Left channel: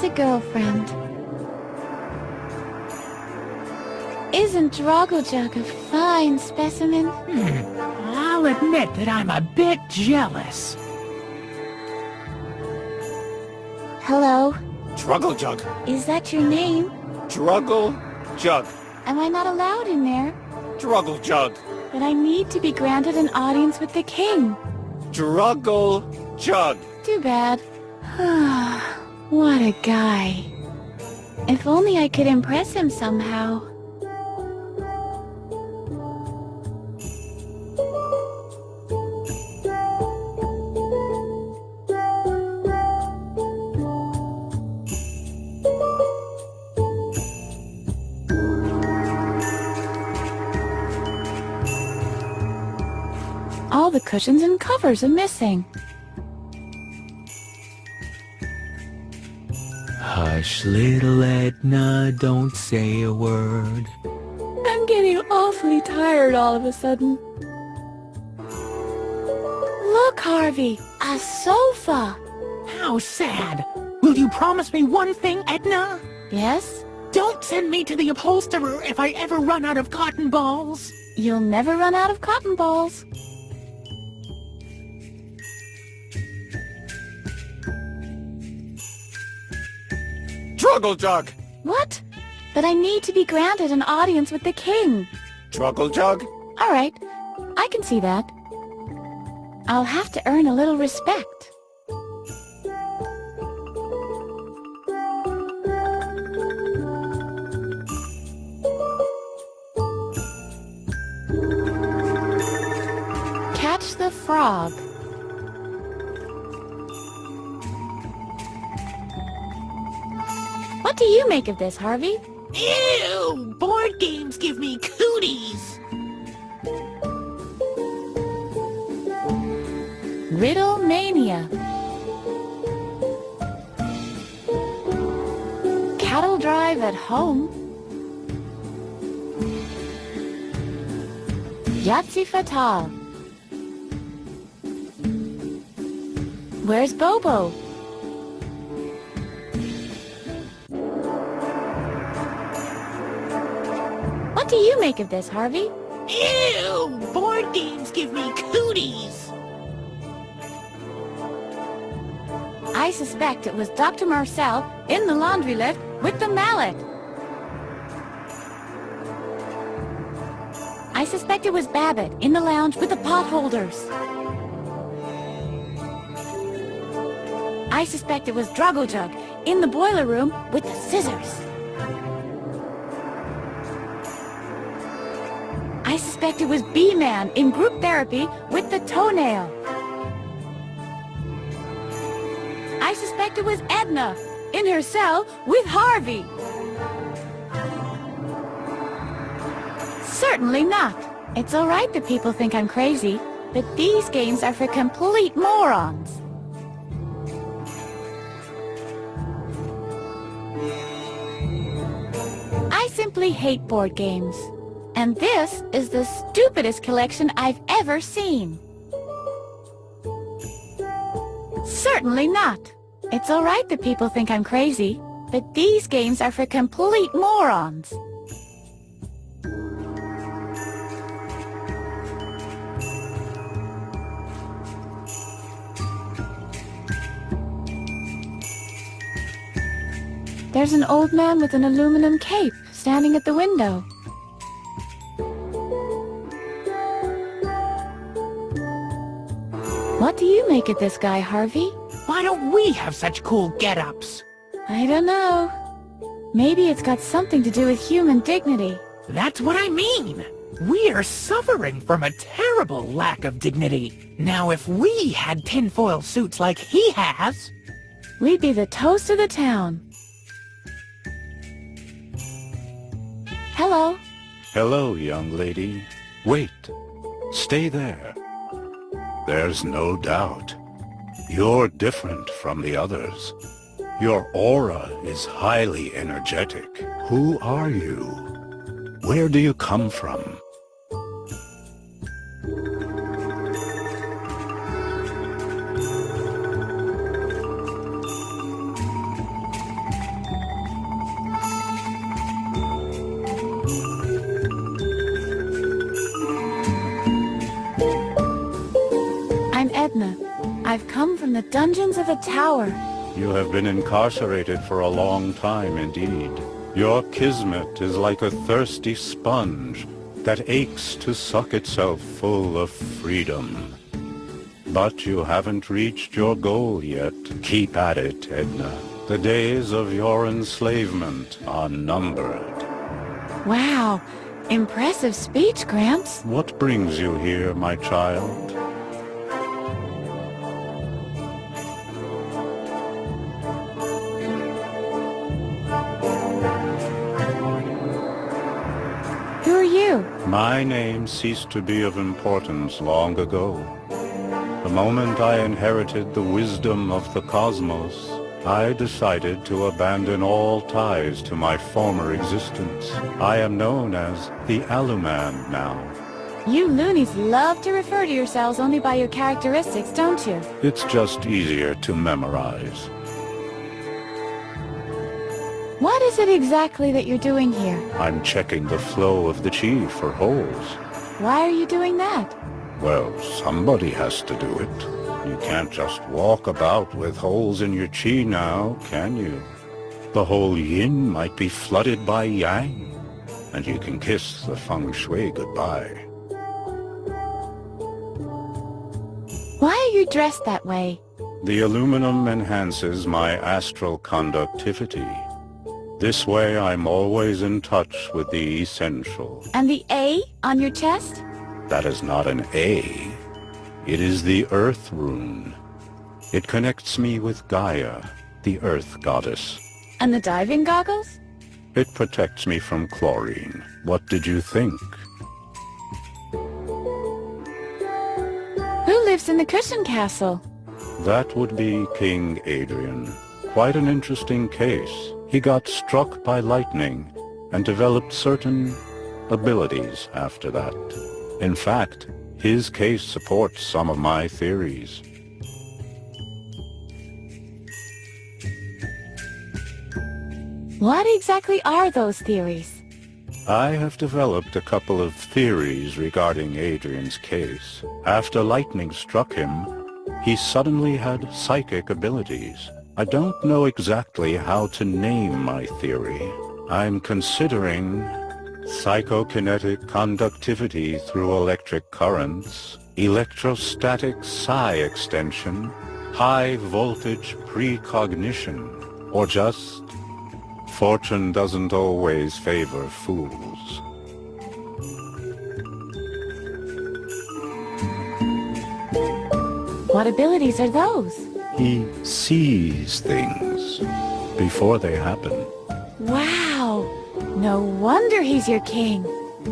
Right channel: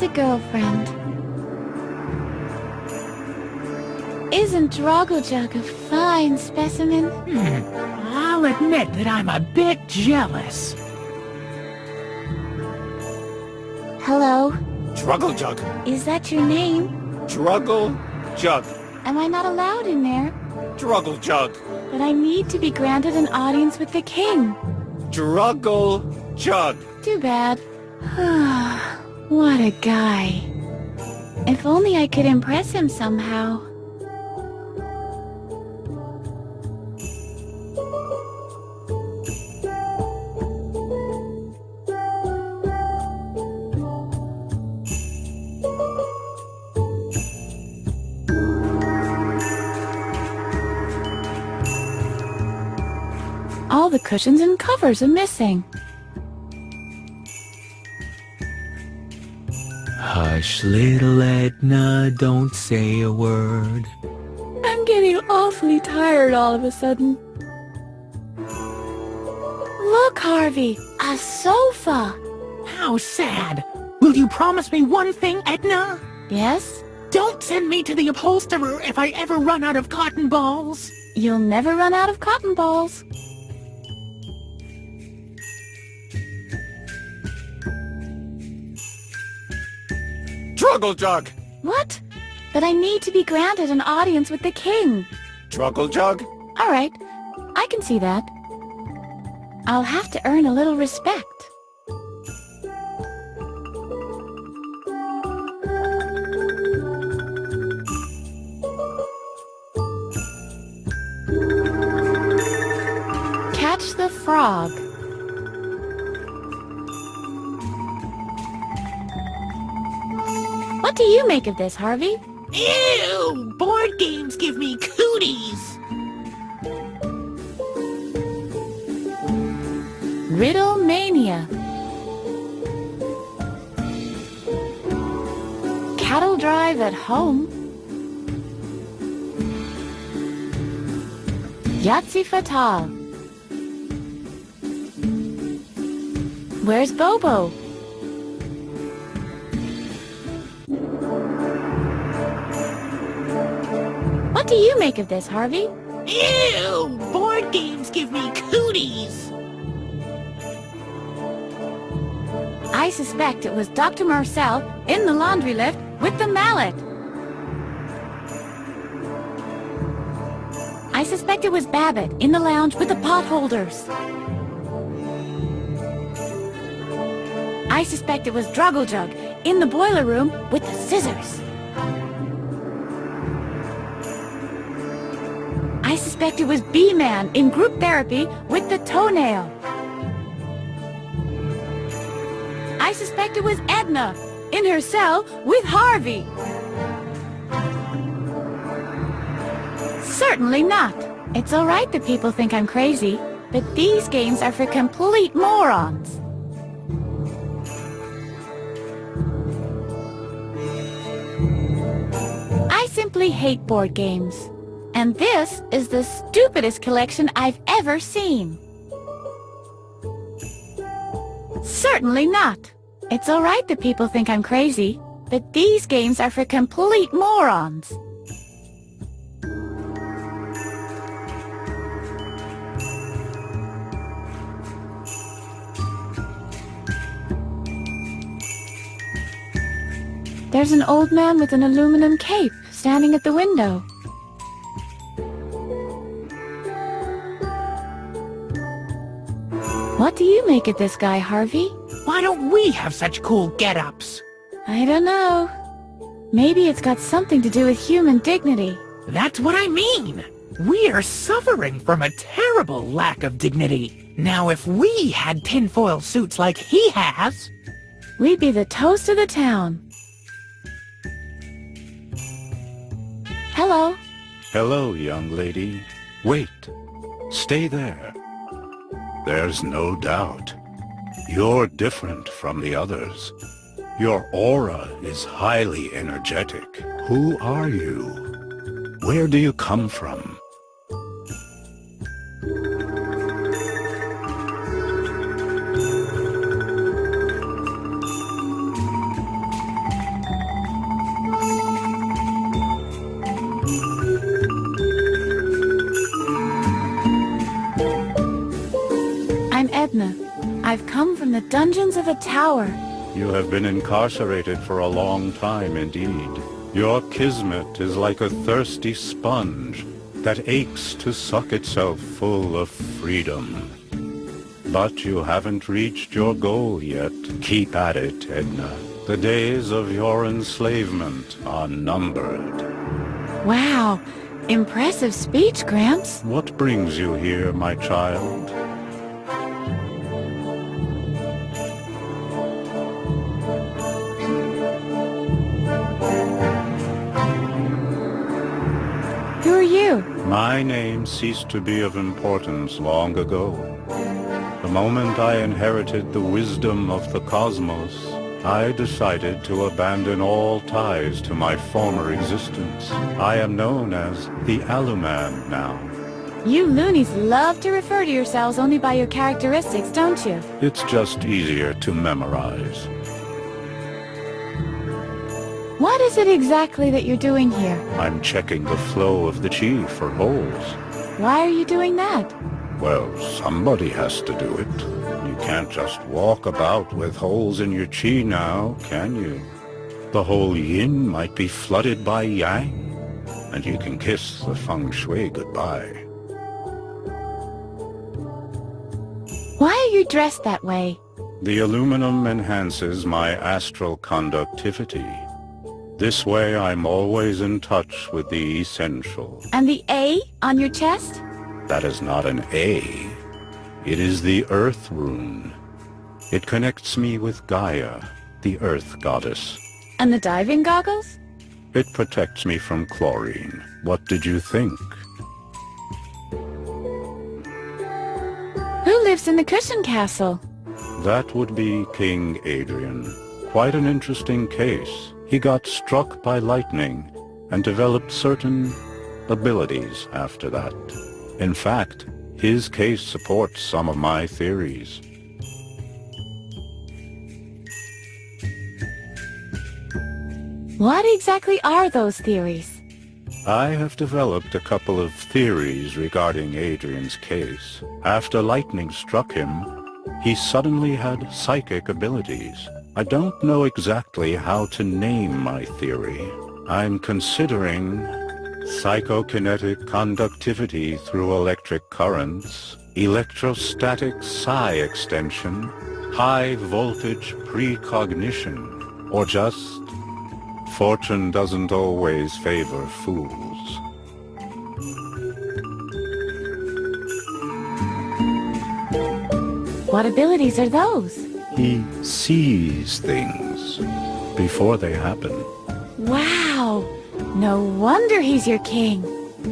has a girlfriend. Isn't Drogojug a fine specimen? I'll admit that I'm a bit jealous. Hello? Druggle-jug. Is that your name? Druggle-jug. Am I not allowed in there? Druggle-jug. But I need to be granted an audience with the king. Druggle-jug. Too bad. What a guy. If only I could impress him somehow. All the cushions and covers are missing. Hush, little Edna, don't say a word. I'm getting awfully tired all of a sudden. Look, Harvey, a sofa. How sad. Will you promise me one thing, Edna? Yes? Don't send me to the upholsterer if I ever run out of cotton balls. You'll never run out of cotton balls. Druggle-jug. What? But I need to be granted an audience with the king. Druggle-jug. All right, I can see that. I'll have to earn a little respect. Catch the frog. What do you make of this, Harvey? Ew! Board games give me cooties! Riddle Mania. Cattle drive at home. Yahtzee Fatale. Where's Bobo? What do you make of this, Harvey? Ew! Board games give me cooties! I suspect it was Dr. Marcel in the laundry lift with the mallet. I suspect it was Babbitt in the lounge with the pot holders. I suspect it was Druggle-jug in the boiler room with the scissors. I suspect it was B-Man in group therapy with the toenail. I suspect it was Edna in her cell with Harvey. Certainly not. It's all right that people think I'm crazy, but these games are for complete morons. I simply hate board games. And this is the stupidest collection I've ever seen. Certainly not. It's all right that people think I'm crazy, but these games are for complete morons. There's an old man with an aluminum cape standing at the window. What do you make of this guy, Harvey? Why don't we have such cool get-ups? I don't know. Maybe it's got something to do with human dignity. That's what I mean! We're suffering from a terrible lack of dignity. Now if we had tinfoil suits like he has... We'd be the toast of the town. Hello. Hello, young lady. Wait. Stay there. There's no doubt. You're different from the others. Your aura is highly energetic. Who are you? Where do you come from? the dungeons of a tower. You have been incarcerated for a long time indeed. Your kismet is like a thirsty sponge that aches to suck itself full of freedom. But you haven't reached your goal yet. Keep at it, Edna. The days of your enslavement are numbered. Wow, impressive speech, Gramps. What brings you here, my child? Who are you? My name ceased to be of importance long ago. The moment I inherited the wisdom of the cosmos, I decided to abandon all ties to my former existence. I am known as the Alümen now. You loonies love to refer to yourselves only by your characteristics, don't you? It's just easier to memorize. What is it exactly that you're doing here? I'm checking the flow of the chi for holes. Why are you doing that? Well, somebody has to do it. You can't just walk about with holes in your chi now, can you? The whole yin might be flooded by yang, and you can kiss the feng shui goodbye. Why are you dressed that way? The aluminum enhances my astral conductivity. This way I'm always in touch with the essential. And the A on your chest? That is not an A. It is the Earth Rune. It connects me with Gaia, the Earth Goddess. And the diving goggles? It protects me from chlorine. What did you think? Who lives in the cushion castle? That would be King Adrian. Quite an interesting case. He got struck by lightning and developed certain abilities after that. In fact, his case supports some of my theories. What exactly are those theories? I have developed a couple of theories regarding Adrian's case. After lightning struck him, he suddenly had psychic abilities. I don't know exactly how to name my theory. I'm considering psychokinetic conductivity through electric currents, electrostatic psi extension, high voltage precognition, or just fortune doesn't always favor fools. What abilities are those? He sees things before they happen. Wow! No wonder he's your king.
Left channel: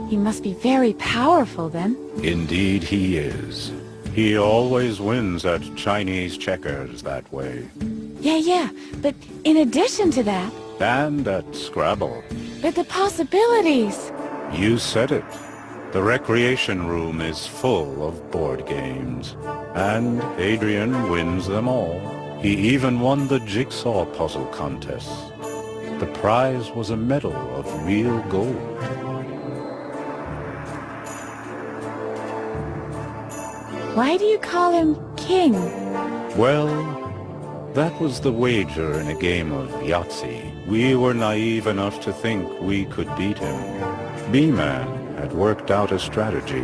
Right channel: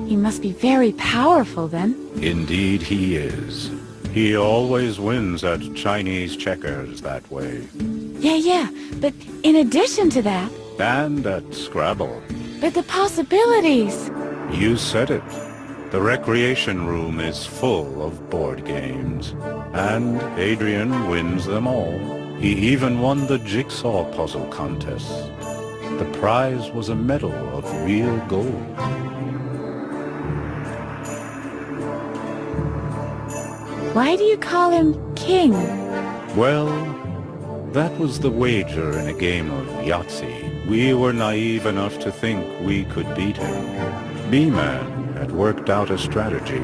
He must be very powerful then. Indeed he is. He always wins at Chinese checkers that way. Yeah, but in addition to that, And at Scrabble. but the possibilities! You said it. The recreation room is full of board games. And Adrian wins them all. He even won the jigsaw puzzle contest. The prize was a medal of real gold. Why do you call him king? Well, that was the wager in a game of Yahtzee. We were naive enough to think we could beat him. B-Man had worked out a strategy.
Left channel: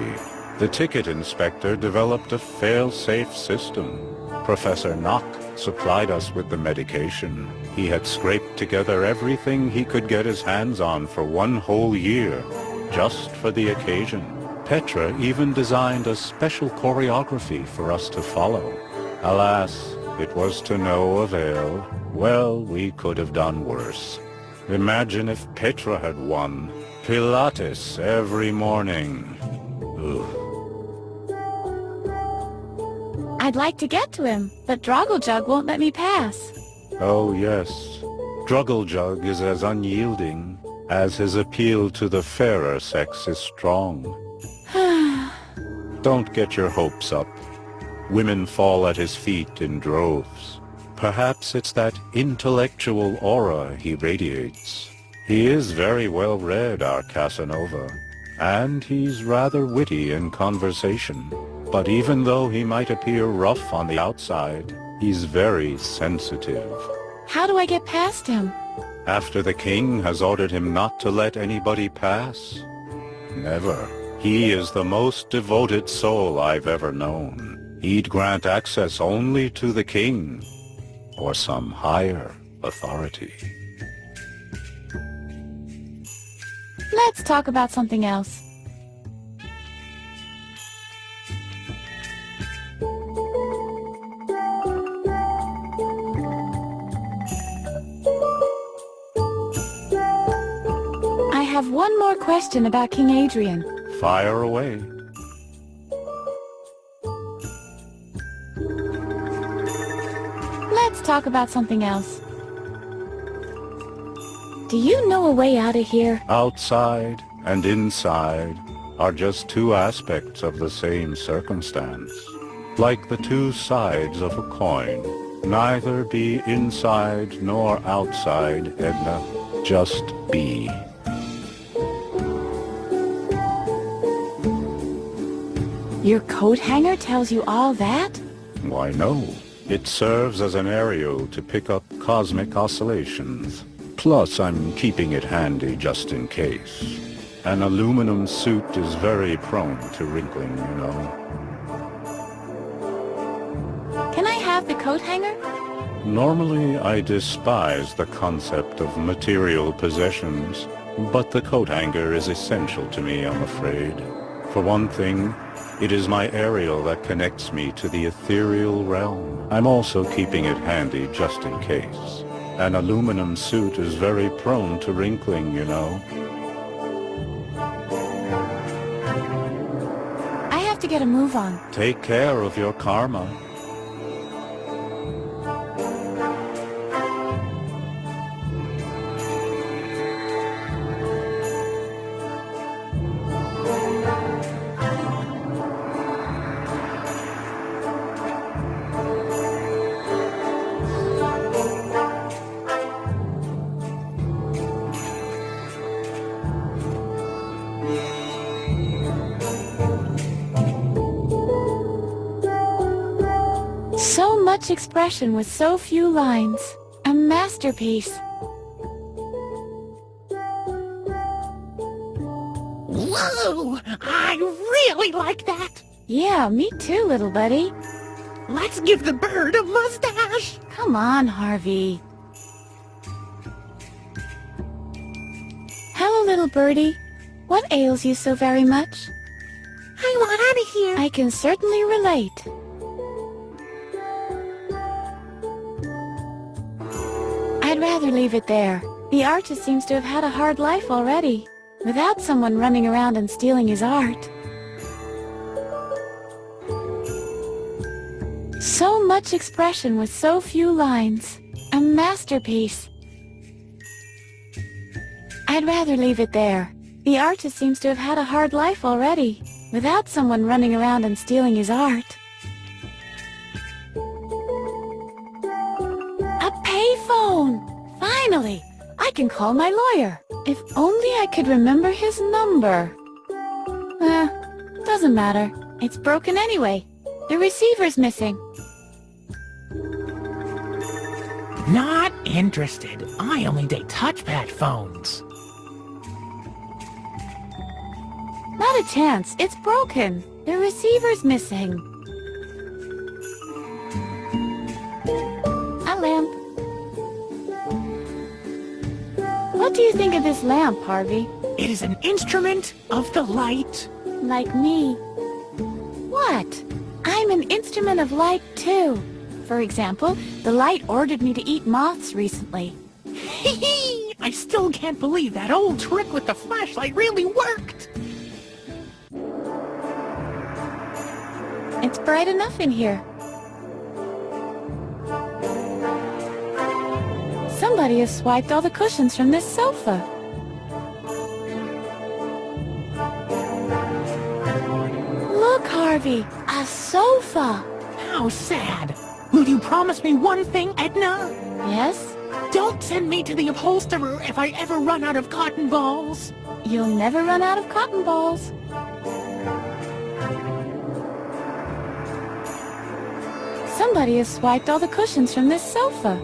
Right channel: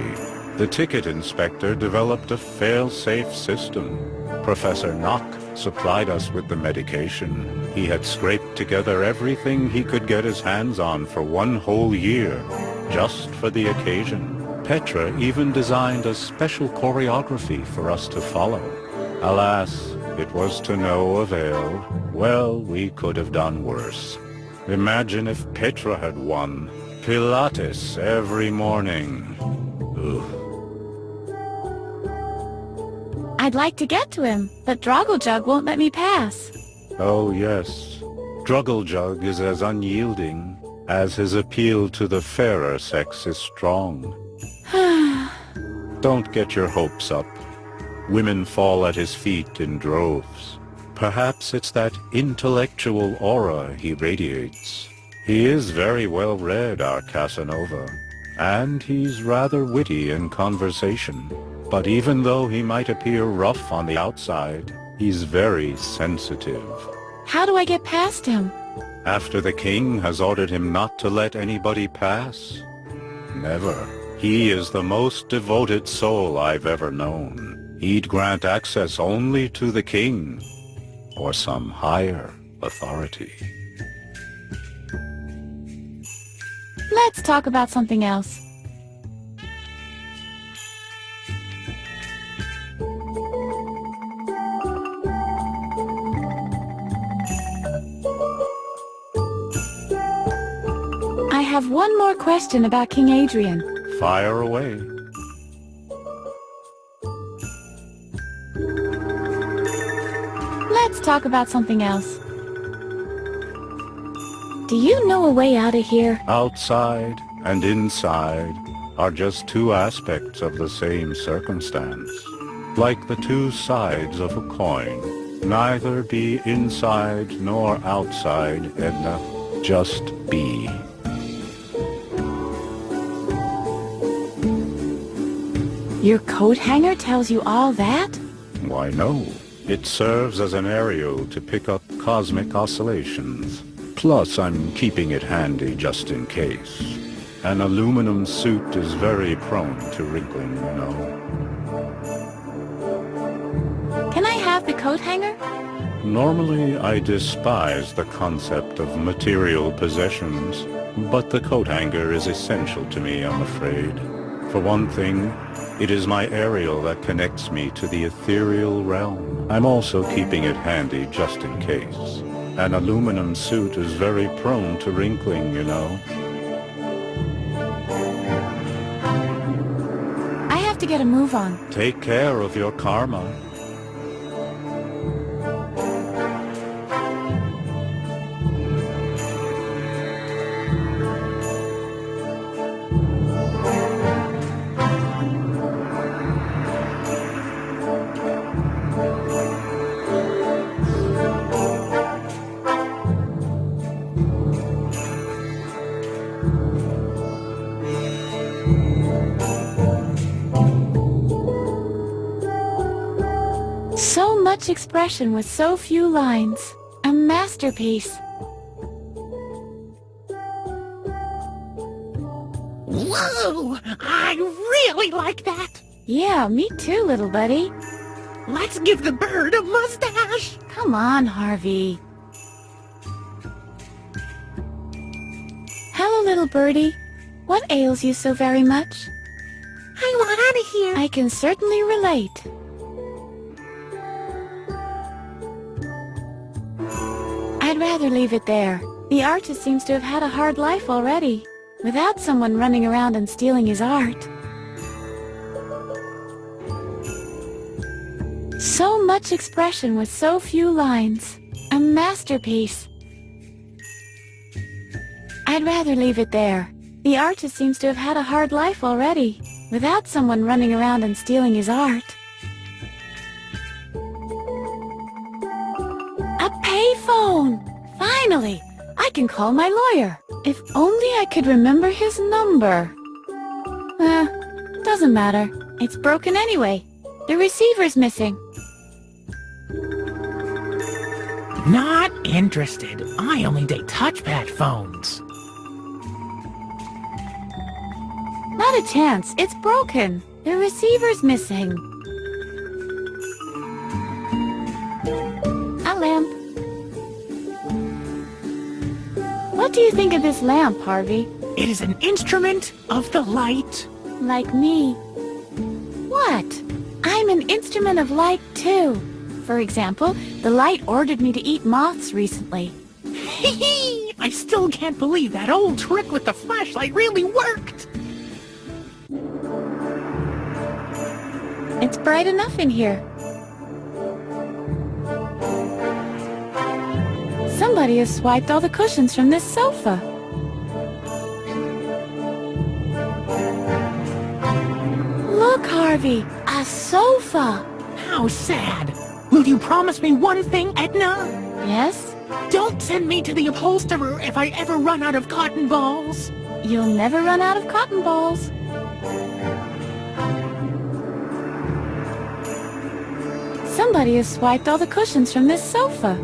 The ticket inspector developed a fail-safe system. Professor Knock supplied us with the medication. He had scraped together everything he could get his hands on for one whole year, just for the occasion. Petra even designed a special choreography for us to follow. Alas, it was to no avail. Well, we could have done worse. Imagine if Petra had won. Pilates every morning. Ugh. I'd like to get to him, but Drogglejug won't let me pass. Oh yes, Drugglejug is as unyielding as his appeal to the fairer sex is strong. Don't get your hopes up. Women fall at his feet in droves. Perhaps it's that intellectual aura he radiates. He is very well read, our Casanova, and he's rather witty in conversation. But even though he might appear rough on the outside, He's very sensitive. How do I get past him? After the king has ordered him not to let anybody pass? Never. He is the most devoted soul I've ever known. He'd grant access only to the king, or some higher authority. Let's talk about something else. I have one more question about King Adrian. Fire away. Let's talk about something else. Do you know a way out of here? Outside and inside are just two aspects of the same circumstance. Like the two sides of a coin. Neither be inside nor outside, Edna. Just be. Your coat hanger tells you all that? Why no. It serves as an aerial to pick up cosmic oscillations. Plus, I'm keeping it handy just in case. An aluminum suit is very prone to wrinkling, you know. Can I have the coat hanger? Normally, I despise the concept of material possessions, but the coat hanger is essential to me, I'm afraid. For one thing, it is my aerial that connects me to the ethereal realm. I'm also keeping it handy just in case. An aluminum suit is very prone to wrinkling, you know. I have to get a move on. Take care of your karma. So much expression with so few lines. A masterpiece. Whoa! I really like that! Yeah, me too, little buddy. Let's give the bird a mustache! Come on, Harvey. Hello, little birdie. What ails you so very much? I want out of here! I can certainly relate. I'd rather leave it there. The artist seems to have had a hard life already, without someone running around and stealing his art. So much expression with so few lines. A masterpiece. I'd rather leave it there. The artist seems to have had a hard life already, without someone running around and stealing his art. A payphone! Finally! I can call my lawyer. If only I could remember his number. Doesn't matter. It's broken anyway. The receiver's missing. Not interested. I only date touchpad phones. Not a chance. It's broken. The receiver's missing. A lamp. What do you think of this lamp, Harvey? It is an instrument of the light. Like me. What? I'm an instrument of light, too. For example, the light ordered me to eat moths recently. Hee-hee! I still can't believe that old trick with the flashlight really worked! It's bright enough in here. Somebody has swiped all the cushions from this sofa. Look, Harvey, a sofa. How sad. Will you promise me one thing, Edna? Yes? Don't send me to the upholsterer if I ever run out of cotton balls. You'll never run out of cotton balls. Somebody has swiped all the cushions from this sofa.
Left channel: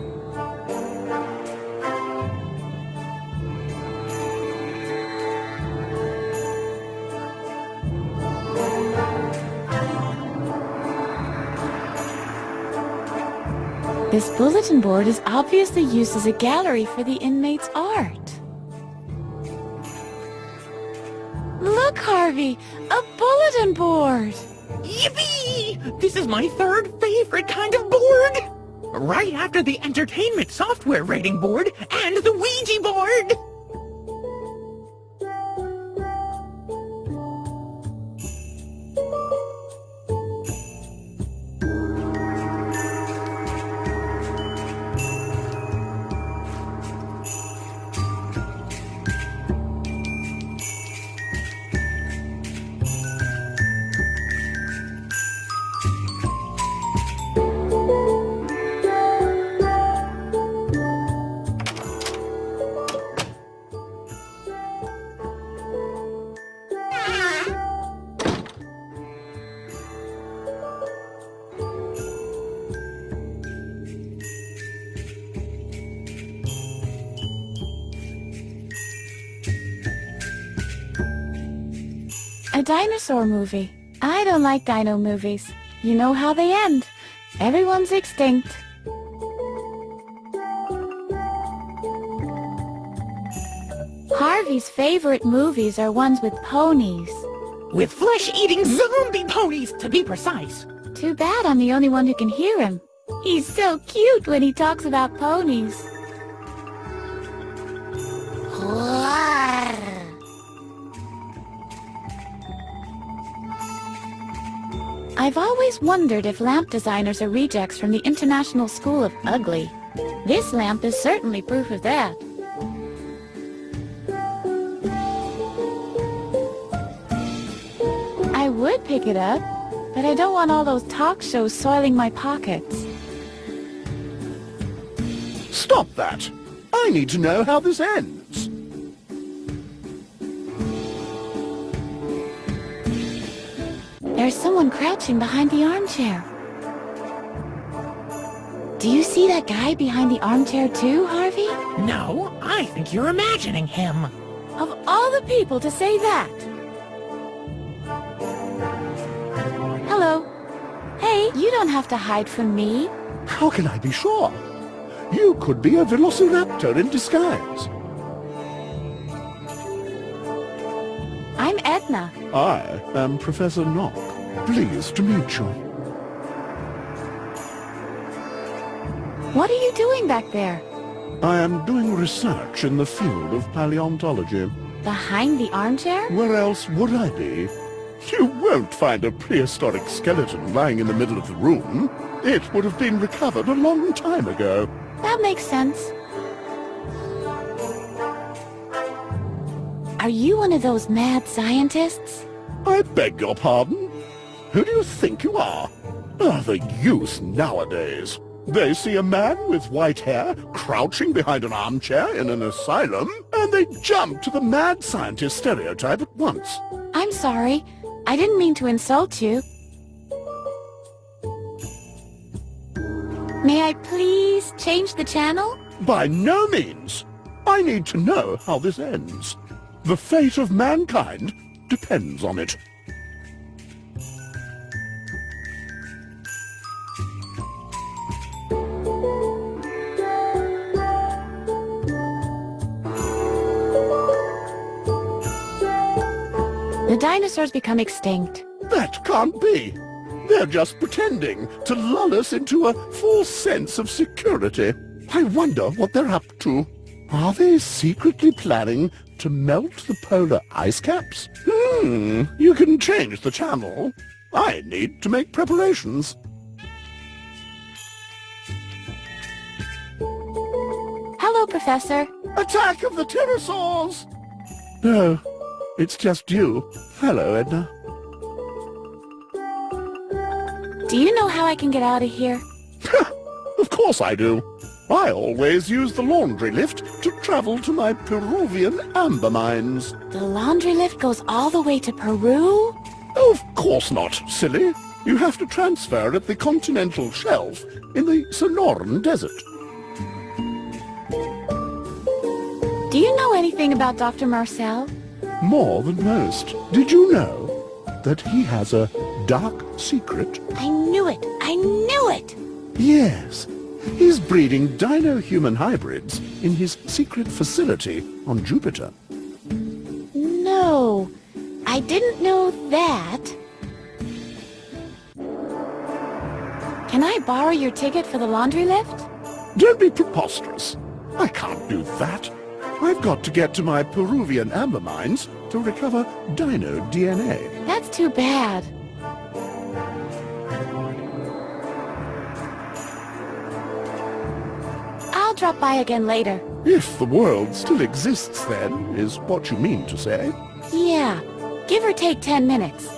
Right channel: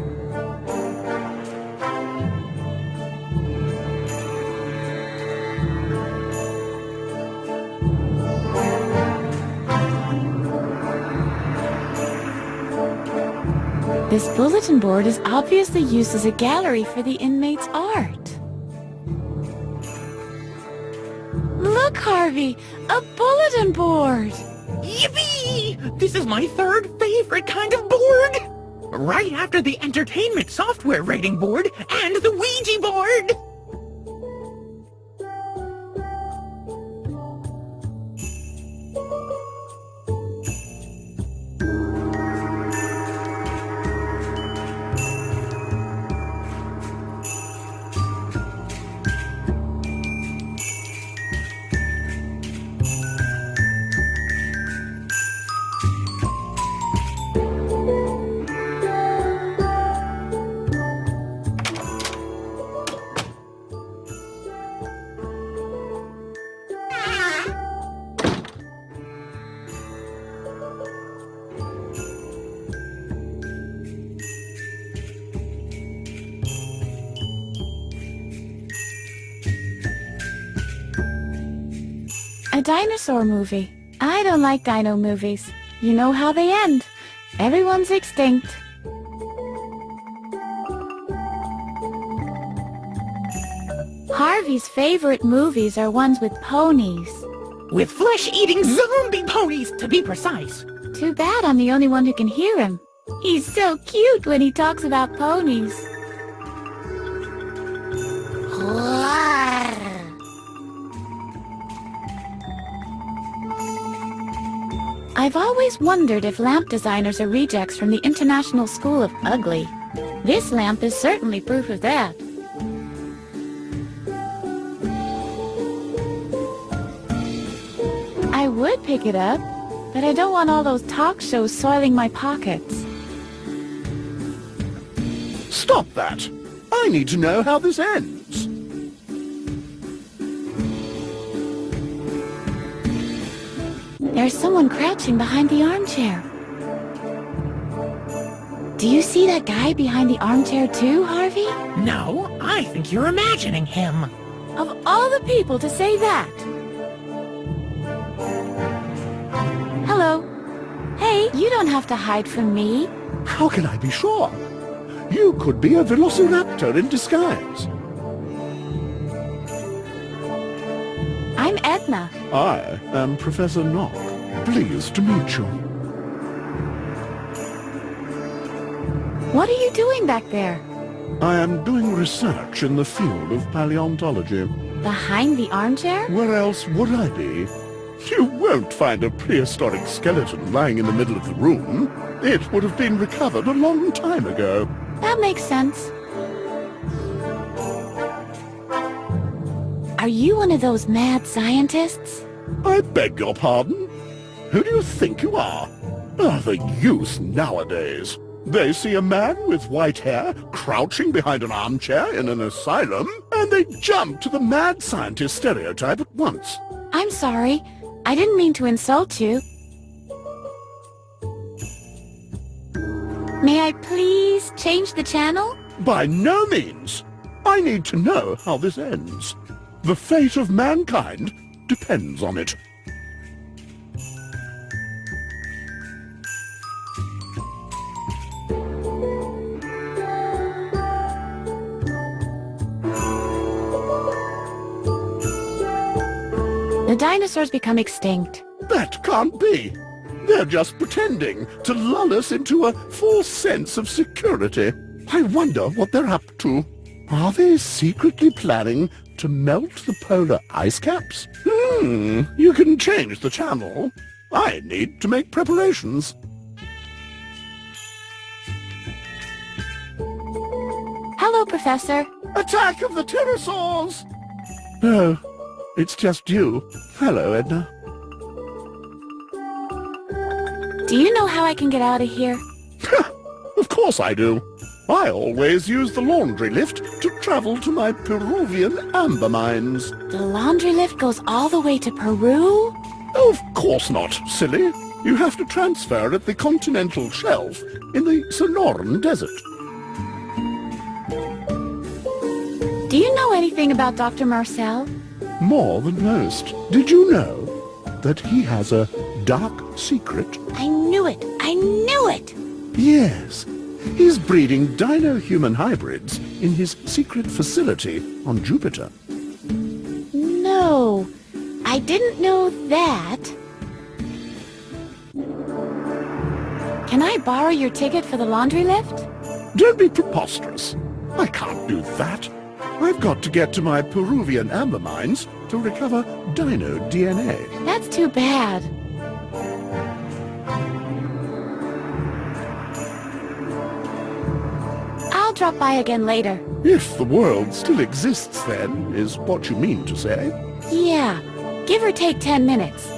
This bulletin board is obviously used as a gallery for the inmates' art. Look, Harvey! A bulletin board! Yippee! This is my third favorite kind of board! Right after the entertainment software rating board and the Ouija board! A dinosaur movie. I don't like dino movies. You know how they end. Everyone's extinct. Harvey's favorite movies are ones with ponies. With flesh-eating zombie ponies, to be precise. Too bad I'm the only one who can hear him. He's so cute when he talks about ponies. I've always wondered if lamp designers are rejects from the International School of Ugly. This lamp is certainly proof of that. I would pick it up, but I don't want all those talk shows soiling my pockets. Stop that! I need to know how this ends. There's someone crouching behind the armchair. Do you see that guy behind the armchair too, Harvey? No, I think you're imagining him. Of all the people to say that! Hello. Hey, you don't have to hide from me. How can I be sure? You could be a velociraptor in disguise. I'm Edna. I am Professor Knock. Pleased to meet you. What are you doing back there? I am doing research in the field of paleontology. Behind the armchair? Where else would I be? You won't find a prehistoric skeleton lying in the middle of the room. It would have been recovered a long time ago. That makes sense. Are you one of those mad scientists? I beg your pardon? Who do you think you are? Ah, the youth nowadays. They see a man with white hair crouching behind an armchair in an asylum, and they jump to the mad scientist stereotype at once. I'm sorry. I didn't mean to insult you. May I please change the channel? By no means. I need to know how this ends. The fate of mankind depends on it. The dinosaurs become extinct. That can't be. They're just pretending to lull us into a false sense of security. I wonder what they're up to. Are they secretly planning to melt the polar ice caps? You can change the channel. I need to make preparations. Hello, Professor. Attack of the pterosaurs! Oh, it's just you. Hello, Edna. Do you know how I can get out of here? Of course I do. I always use the laundry lift to travel to my Peruvian amber mines. The laundry lift goes all the way to Peru? Of course not, silly. You have to transfer at the continental shelf in the Sonoran Desert. Do you know anything about Dr. Marcel? More than most. Did you know that he has a dark secret? I knew it! I knew it! Yes. He's breeding dino-human hybrids in his secret facility on Jupiter. No, I didn't know that. Can I borrow your ticket for the laundry lift? Don't be preposterous. I can't do that. I've got to get to my Peruvian amber mines to recover dino DNA. That's too bad. I'll drop by again later. If the world still exists then, is what you mean to say. Yeah, give or take 10 minutes.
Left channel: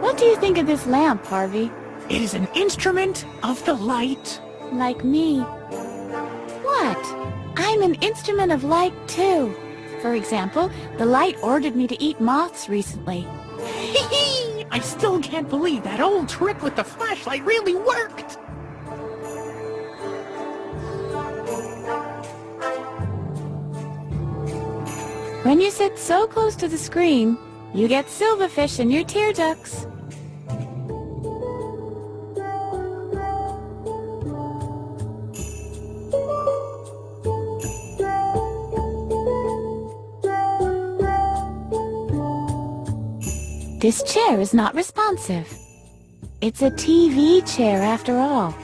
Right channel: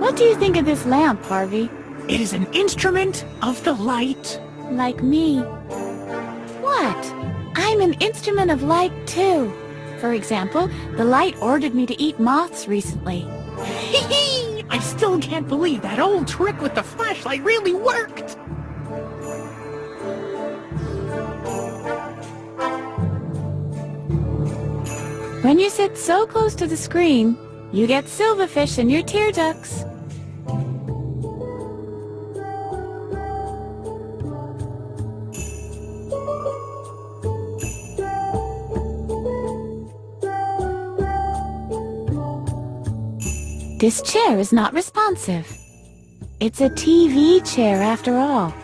What do you think of this lamp, Harvey? It is an instrument of the light. Like me. What? I'm an instrument of light too. For example, the light ordered me to eat moths recently. I still can't believe that old trick with the flashlight really worked. When you sit so close to the screen, you get silverfish in your tear ducts. This chair is not responsive. It's a TV chair after all.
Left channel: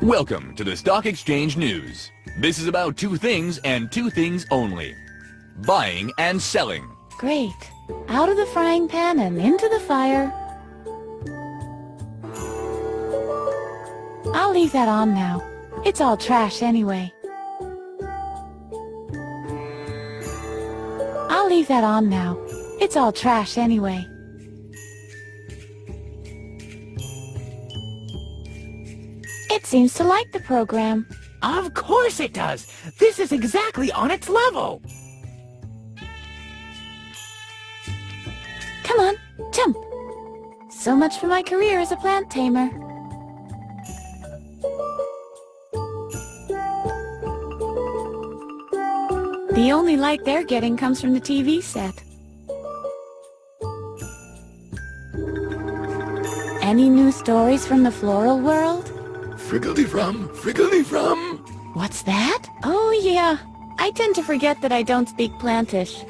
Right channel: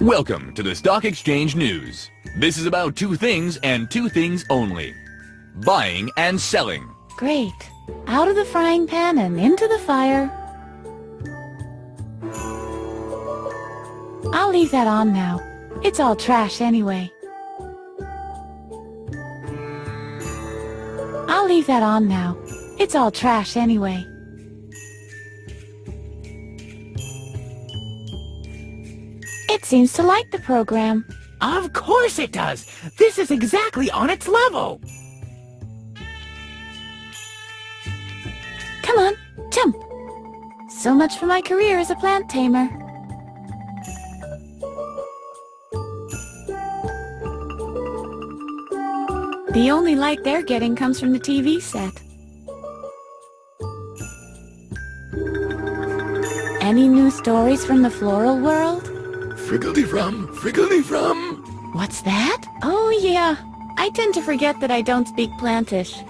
Welcome to the Stock Exchange News. This is about two things and two things only. Buying and selling. Great. Out of the frying pan and into the fire. I'll leave that on now. It's all trash anyway. I'll leave that on now. It's all trash anyway. It seems to like the program. Of course it does. This is exactly on its level. Come on, jump. So much for my career as a plant tamer. The only light they're getting comes from the TV set. Any new stories from the floral world? Friggledy-from. What's that? Oh yeah, I tend to forget that I don't speak plantish.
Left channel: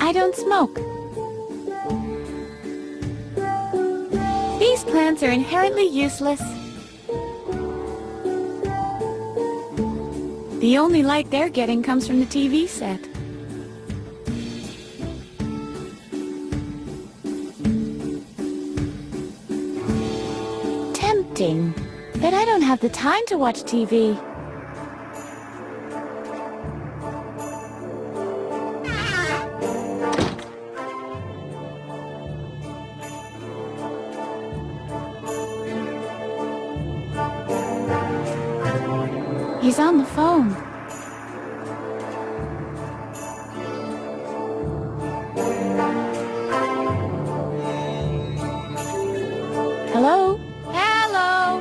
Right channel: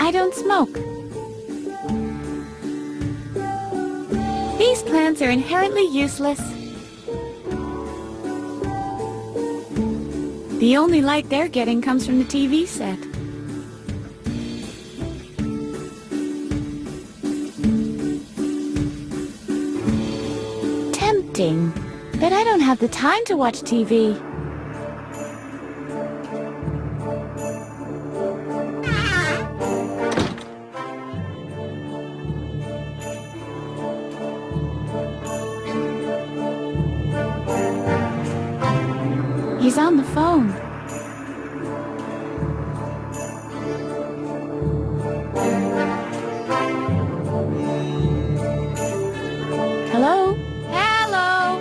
I don't smoke. These plants are inherently useless. The only light they're getting comes from the TV set. Tempting, but I don't have the time to watch TV. He's on the phone. Hello? Hello?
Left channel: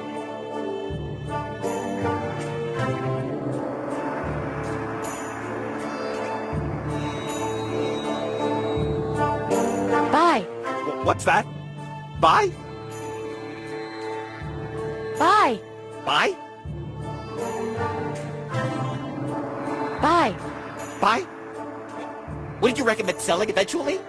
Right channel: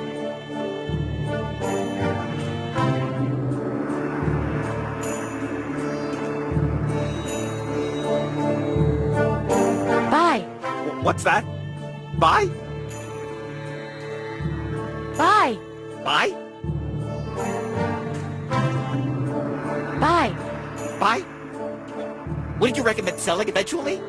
Bye. What's that? Bye? Bye. Bye? Bye. Bye? Wouldn't you recommend selling eventually?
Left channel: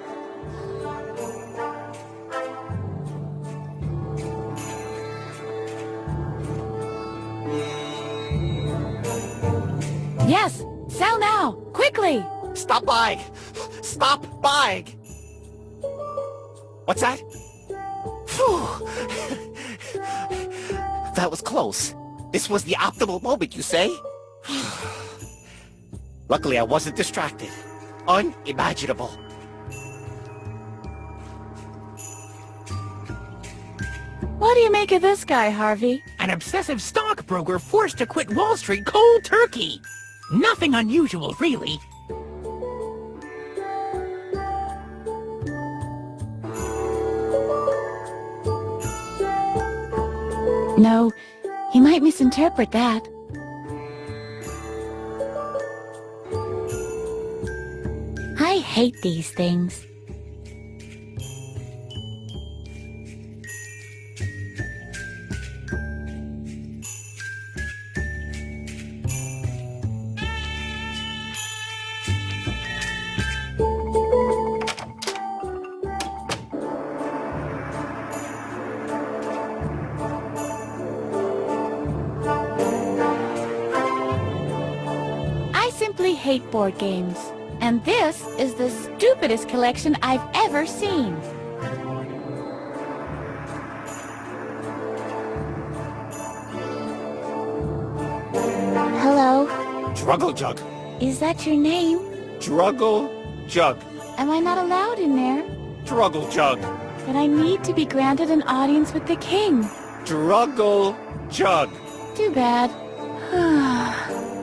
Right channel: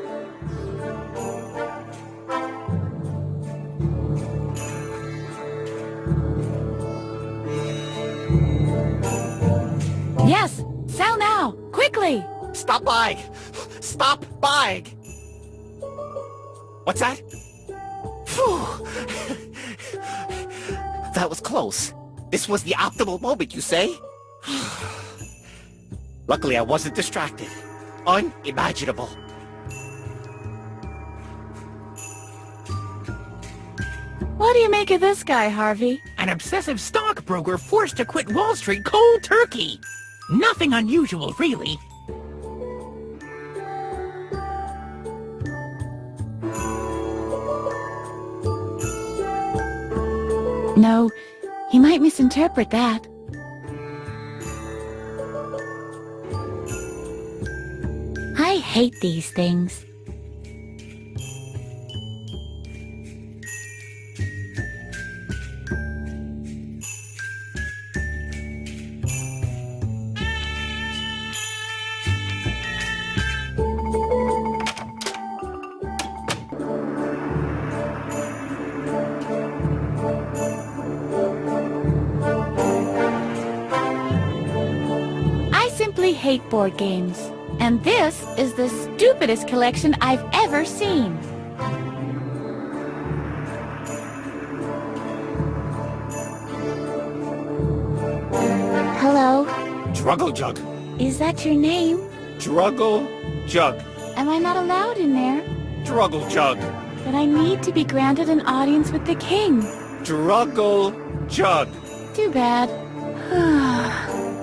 Yes, sell now, quickly. Stop buying! Stop buying! What's that? Phew! That was close. This was the optimal moment, you say? Luckily, I wasn't distracted. Unimaginable. What do you make of this guy, Harvey. An obsessive stockbroker forced to quit Wall Street cold turkey. Nothing unusual, really. No, he might misinterpret that. I hate these things. I hate board games, and this is the stupidest collection I've ever seen. Hello, Druggle Jug. is that your name? Druggle Jug. Am I not allowed in there? Druggle Jug. But I need to be granted an audience with the king. Druggle Jug. Too bad.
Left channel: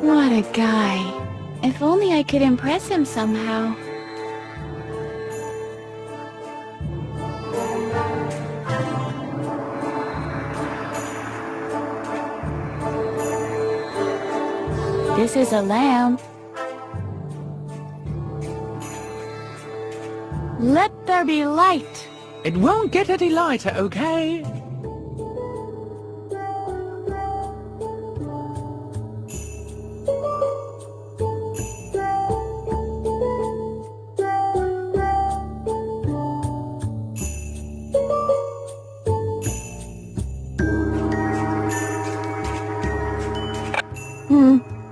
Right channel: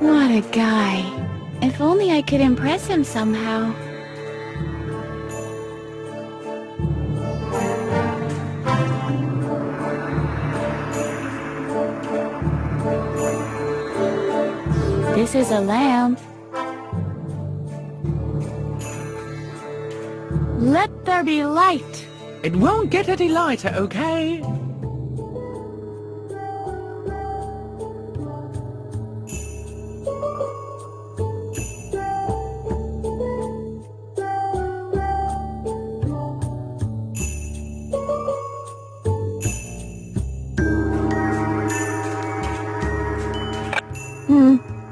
What a guy. If only I could impress him somehow. This is a lamb. Let there be light. It won't get any lighter, okay?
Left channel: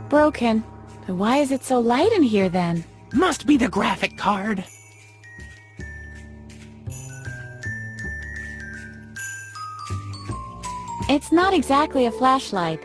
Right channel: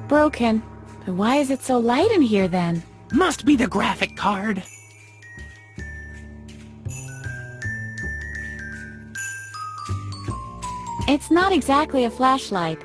Broken. But why is it so light in here then? Must be the graphic card. It's not exactly a flashlight.